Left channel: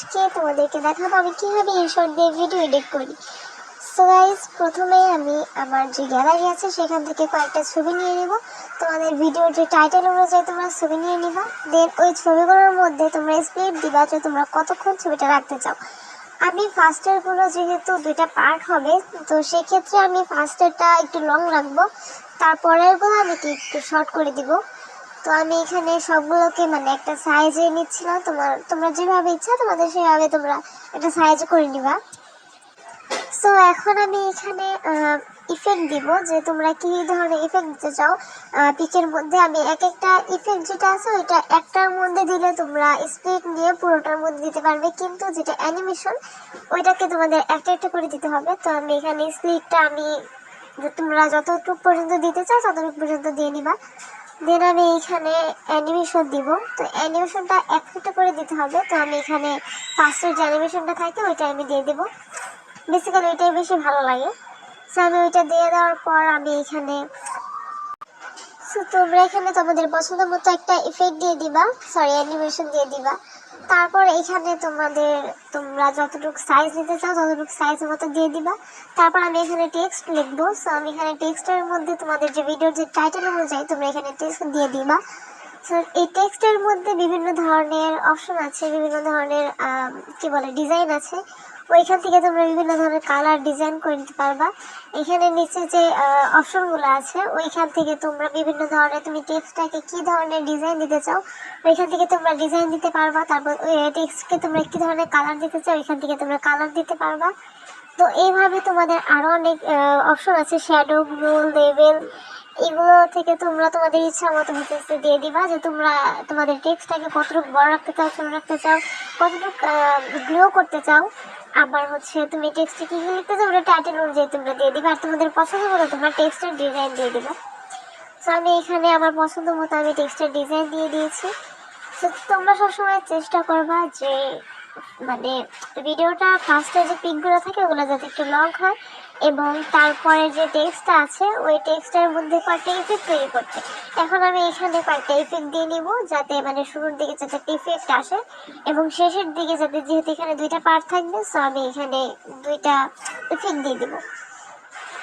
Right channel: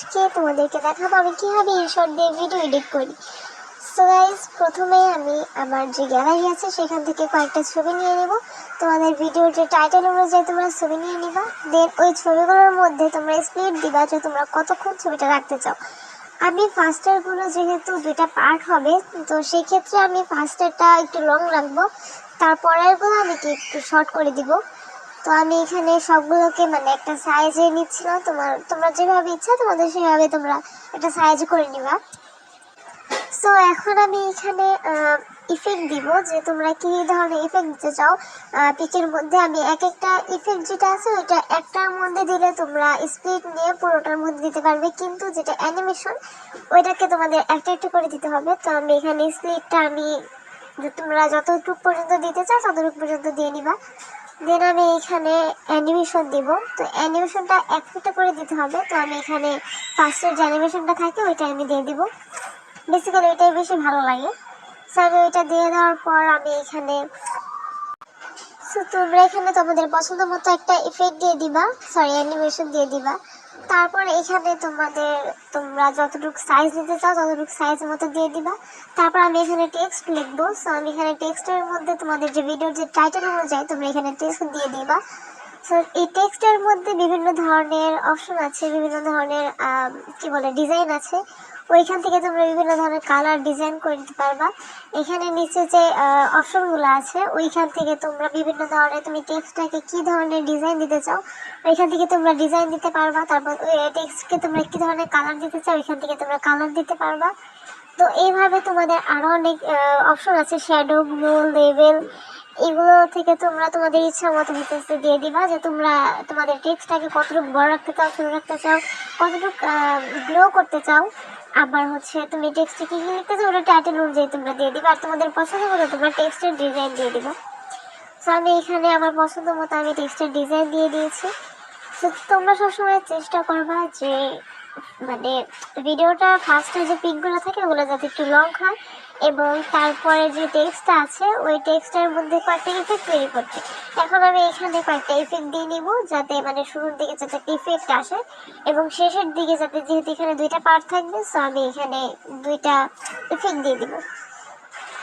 আজকে তোমাদেরকে দেখাবো আমি কিভাবে ইনশর্ট দিয়ে ভিডিও এডিট করি। সো গাইস, প্রথমেই আমি আমার যে গ্যালারি আছে সেখান থেকে কয়েকটা ছবি নিয়ে নেব। তোমাদের ভিডিওর যে টাইটেল অনুযায়ী তোমরা ছবি নিয়ে নিবা। দেন ওই ছবিগুলোর মধ্যে তোমরা স্প্লিট দিবা যে তোমরা কতক্ষণ ছবিটা রাখতে চাও। আমি ফার্স্টের গুলো যেহেতু দুইটা পার্ট হবে, তো সেক্ষেত্রে আমি ফার্স্টেরটা একটু লং রাখবো, তারপরের গুলো আমি একটু শর্ট করে দিব। তো আমি এখানে সবগুলোকে মানে একটা সাইজে নিচ্ছিলাম, তোমরা যেভাবে ইচ্ছা তোমাদের সেভাবে তোমরা একটা সাইজে করে নিবা। সো এখন আমি এখানে ইফেক্ট দিব যে তোমরা কি ধরনের ইফেক্ট দিতে চাও। পিকের মধ্যে আমি এক একটা ইফেক্ট যেটা আছে ওইটা একটার মধ্যে দিলে তোমরা স্প্লিট নিয়ে পুরোটার মধ্যে দিতে পারবে, কিন্তু যেটা অ্যানিমেশন ওইটাকে তোমাদের একটা একটা করে দিতে হবে। তো আমি এখানে স্প্লিটটা আমি তোমরা যতটুকু পর্যন্ত দিতে চাও ততটুকু পর্যন্ত দিয়ে নিবা। দেন আমি এখানে অ্যানিমেশন দিব। তো অ্যানিমেশনটা একটা করে দিতে হবে। তো আমি এখানে ফার্স্টের যে অ্যানিমেশনটা থাকে ওইটা আমি দিয়ে দিব। বেসিক্যালি ওইটাই বেশি ভালো লাগে। সো আমি ওইটা দিয়ে দেওয়ার পর আমি এখানে তোমরা এখানে তোমাদের পছন্দ মতো একটা ইফেক্ট দিয়ে দিবা, সরি অ্যানিমেশন দিয়ে দিবা। তারপর এখানে তোমরা যতটুকু সাইজ দিতে চাও ততটুকু সাইজ মতো দিয়ে দিবা। তারপর আমি এখানে টেক্সট লিখবো। সো আমি এখানে টেক্সটের মধ্যে তোমাদের যে ভিডিওর যে টাইটেল অনুযায়ী তোমরা এখানে টেক্সট দিয়ে দিবা। সো এই টেক্সটের মধ্যে বিভিন্ন ধরনের অপশন আছে, বিভিন্ন ধরনের কি বলে ডিজাইন আছে। ওইখান থেকে তোমরা বিভিন্ন ধরনের কালার ডিজাইন করে নিতে পারবা। এখানে নিচে যে অপশনগুলো আছে ওইখান থেকে তোমরা বিভিন্ন ধরনের তুমি টেক্সটটাকে কি ধরনের ডিজাইন দিতে চাও ওইখান থেকে তোমরা ডিজাইন দিতে পারবা। তারপর ওই টেক্সটকে তোমরা কি ধরনের কালার দিতে চাও এখান থেকে তোমরা কালার দিতে পারবা। তো এইভাবে তোমাদের আরো অনেক অপশন আছে, শ্যাডো, মোল, লেভেল, এগুলো থেকে তোমরা তোমাদের ইচ্ছা মতো কিছু দিয়ে দিবা যে তোমরা তোমাদের টেক্সটটাকে কতটুকু বড় রাখতে চাও, ছোট রাখতে চাও, কতটুকু গ্রো করতে চাও। আবার হচ্ছে তুমি টেক্সটে কি লিখতে চাও ওটা টাইটেল অনুযায়ী তোমরা দিয়ে দিবে। আর তোমাদের পছন্দ মতো তোমরা টেক্সটের ডিজাইন দিয়ে দিবে। তো আমি এখানে আমার পছন্দ মতো আমি টেক্সটের ডিজাইন দিয়ে দিয়েছি। তো তোমরা সবসময় চেষ্টা করবা যে মানে ভিডিওটার ফার্স্টে যে পিকগুলো থাকে ওগুলো যাতে একটু লং হয়, এবং তারপরে যে টেক্সটটা আছে ওই টেক্সটের মধ্যে কয়েকটা ইফেক্ট তৈরি করতে। এখন আমি এখানে কয়েকটা ইফেক্ট দিয়ে নিব যাতে মানে শুরুর দিকে যাতে ইফেক্ট আসে এবং শেষের দিকে যাতে, যেহেতু এখানে দুইটা পার্ট থাকবে সো আমি এখানে দুইটা ইফেক্ট দিয়ে দিব।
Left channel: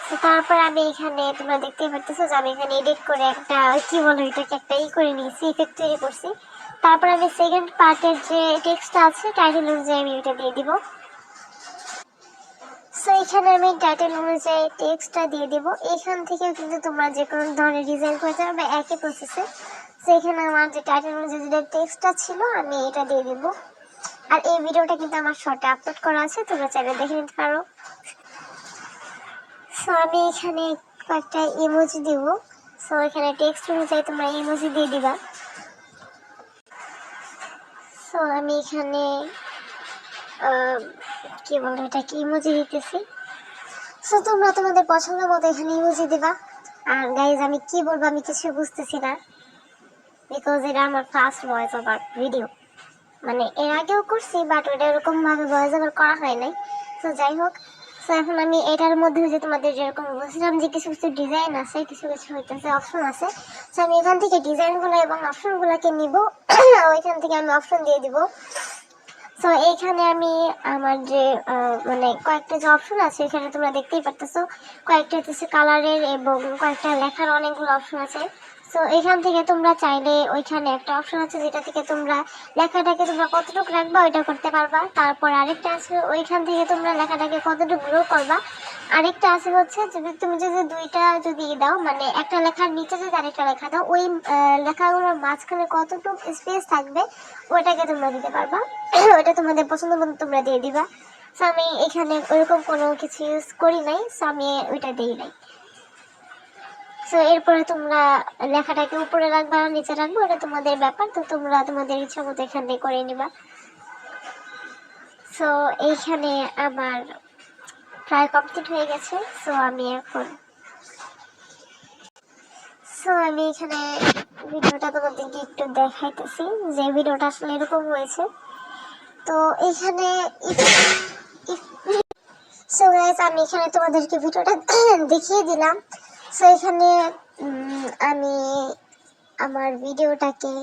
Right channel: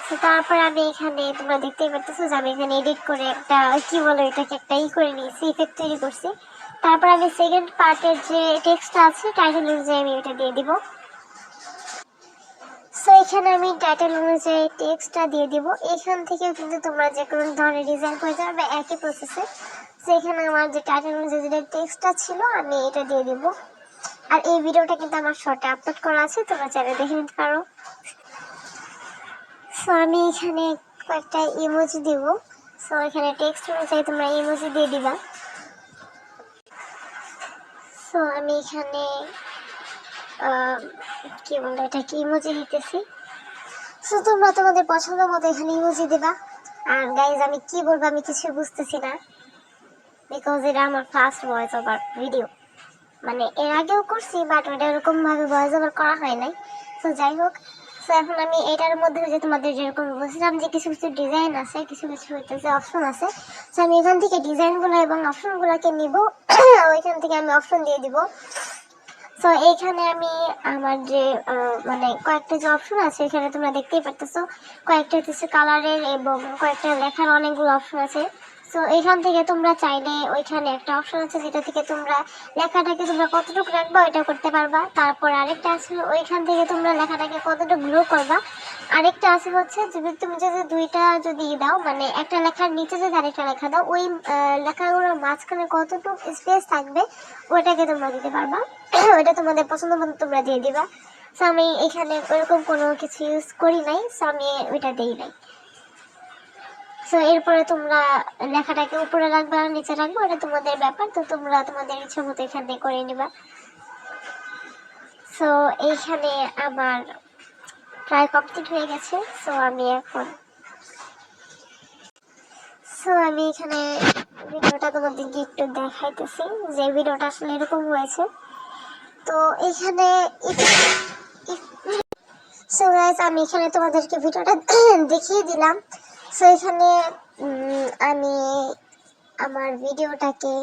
তো তারপর আমি এখানে তোমরা দেখতেই পারতেছো যে আমি এখানে এডিট করে একটা কি বলো এটাকে একটা করে নিয়েছি, ইফেক্ট তৈরি করছি। তারপর আমি সেকেন্ড পার্টের যে টেক্সটটা আছে টাইটেল অনুযায়ী আমি এটা দিয়ে দিব। সো এখানে আমি টাইটেল অনুযায়ী টেক্সটটা দিয়ে দিব। এখান থেকে কিন্তু তোমরা যে কোনো ধরনের ডিজাইন করতে পারবে একই প্রসেসে। সো এখানে আমার যে টাইটেল অনুযায়ী যে টেক্সটটা ছিল আমি এটা দিয়ে দিব। আর এই ভিডিওটা কিন্তু আমার শর্টে আপলোড করা আছে, তোমরা চাইলে দেখে নিতে পারো। সো আমি এখানে কয়েকটা ইমোজি দেব। সো এখানে টেক্সট অনুযায়ী তোমরা ইমোজি দিয়ে দিবা। সো আমি এখানে কি বলে এটাকে ইমোজি দিতেছি। সো তোমরা তোমাদের পছন্দ মতো এখানে ইমোজি দেবা। আর গাইজ আমি কি বলবো আমি কিছু বুঝতেছি না, বিকজ এটা আমার ফার্স্ট ভয়েস ওভার ভিডিও। মানে এর আগেও করছি বাট ওটা এরকম ভাবে ভয়েস ওভার করা হয় নাই। তো যাই হোক, তো এখন আমি এটার মধ্যে হচ্ছে তোমাদের যেরকম বলছিলাম যে কিছু কিছু ডিজাইন আছে, কিছু কিছু হইতেছে অপশন আছে। তো আমি এখান থেকে ডিজাইনগুলো এবং অপশনগুলোকে নিব, ওইখান থেকে আমি অপশন দিয়ে দিব। তো এইখানে আমি আমার যে মানে কয়েকটা যে অপশন আছে এখানে তোমরা দেখতেই পারতেছো, কয়েকটা হচ্ছে কালারের এবং কয়েকটা লেখার অনেকগুলো অপশন আছে। তো এখান থেকে তোমরা চাইলে ওইখানে একটা অপশন আছে যেটা থেকে তোমরা লেখাটাকে তোমরা কতটুকু রাখবা ওইটা করতে পারবা। তারপর আরেকটা আছে ওইখান থেকে তোমরা লেখাটাকে কতটুকু গ্রো করবা। আরেকটা আছে হচ্ছে যদি তুমি যদি দুইটা যদি দাও মানে একটা লেখার নিচে যদি আরেকটা লেখা দাও ওই লেখাগুলোর মাঝখানে কতটুকু স্পেস থাকবে ওইটাকে তোমরা দিতে পারবা। ওইটা তোমাদের পছন্দ মতো তোমরা দিয়ে দিবা। সো আমি এখানে ওইরকম কোনো কিছু ইউজ করি নাই, সো আমি ওইটা দিই নাই। সো এরপরে তোমরা লেখাটাকে উপরে রাখবা নিচে রাখবো এটা তোমাদের ব্যাপার, তো তোমরা তোমাদের ইচ্ছা মতো এখানে করে নিবা। সো এইখানে আমার প্রায় কমপ্লিট হয়ে গেছে। সো আমি এখানে ভিডিওটা তোমাদেরকে একটু দেখাইতেছি যে ভিডিওটা আসলে এরকম হয়েছে। তো এখানে সো গাইস আমি এখানে তোমাদেরকে ভিডিওটা দেখিয়ে দিলাম। সো এখানে আমি আমার ভিডিওটাকে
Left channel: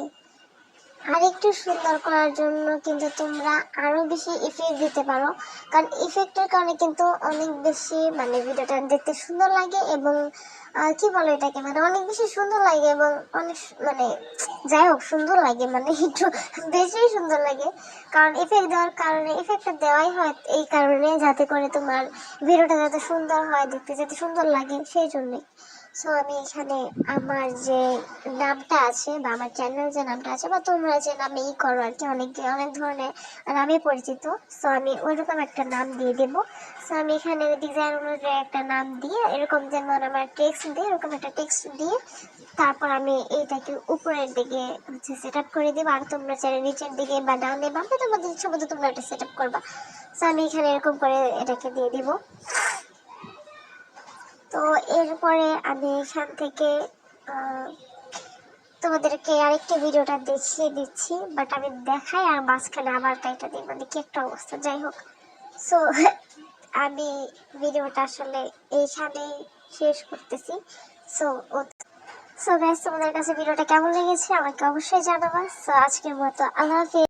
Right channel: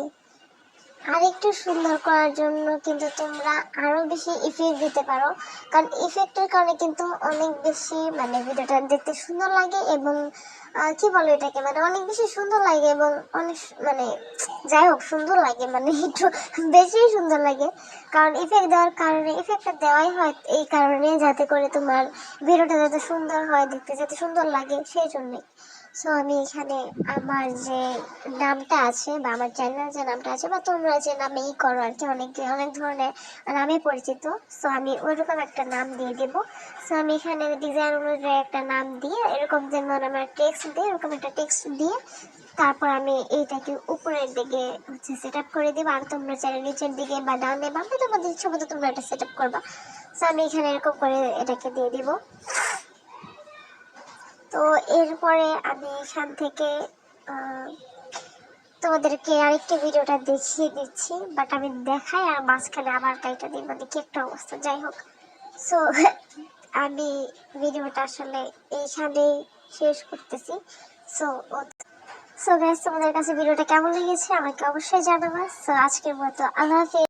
আর একটু সুন্দর করার জন্য কিন্তু তোমরা আরো বেশি ইফেক্ট দিতে পারো, কারণ ইফেক্টের কারণে কিন্তু অনেক বেশি মানে ভিডিওটা দেখতে সুন্দর লাগে এবং কি বলে এটাকে, মানে অনেক বেশি সুন্দর লাগে এবং অনেক মানে যাই হোক সুন্দর লাগে, মানে একটু বেশি সুন্দর লাগে। কারণ ইফেক্ট দেওয়ার কারণে, ইফেক্টটা দেওয়াই হয় এই কারণে যাতে করে তোমার ভিডিওটা যাতে সুন্দর হয়, দেখতে যাতে সুন্দর লাগে, সেই জন্যই। সো আমি এখানে আমার যে নামটা আছে বা আমার চ্যানেল যে নামটা আছে বা তোমরা যে নামে করো আর কি, অনেক অনেক ধরনের নামে পরিচিত, সো আমি ওইরকম একটা নাম দিয়ে দেবো। সো আমি এখানে ডিজাইন অনুযায়ী একটা নাম দিয়ে এরকম যেমন আমার টেক্সট দিয়ে এরকম একটা টেক্সট দিয়ে তারপর আমি এইটাকে উপরের দিকে হচ্ছে সেট আপ করে দেবো। আর তোমরা চাইলে নিচের দিকে বা ডানে বামে তোমাদের ইচ্ছে মতো তোমরা এটা সেট আপ করবা। সো আমি এখানে এরকম করে এটাকে দিয়ে দিব। তো এরপরে আমি এখান থেকে তোমাদেরকে আরেকটি ভিডিওটা দেখিয়ে দিচ্ছি, বাট আমি দেখাই আর মাঝখানে আমার গাইটা দিই, মানে কি একটা অবস্থা, যাই হোক। সো আমি ভিডিওটা আসলে এইখানেই শেষ করতেছি। সো সো গাইস, তোমাদের কাছে ভিডিওটা কেমন লেগেছে আমাকে অবশ্যই জানাবা। সো আজকের মতো আল্লাহ হাফেজ।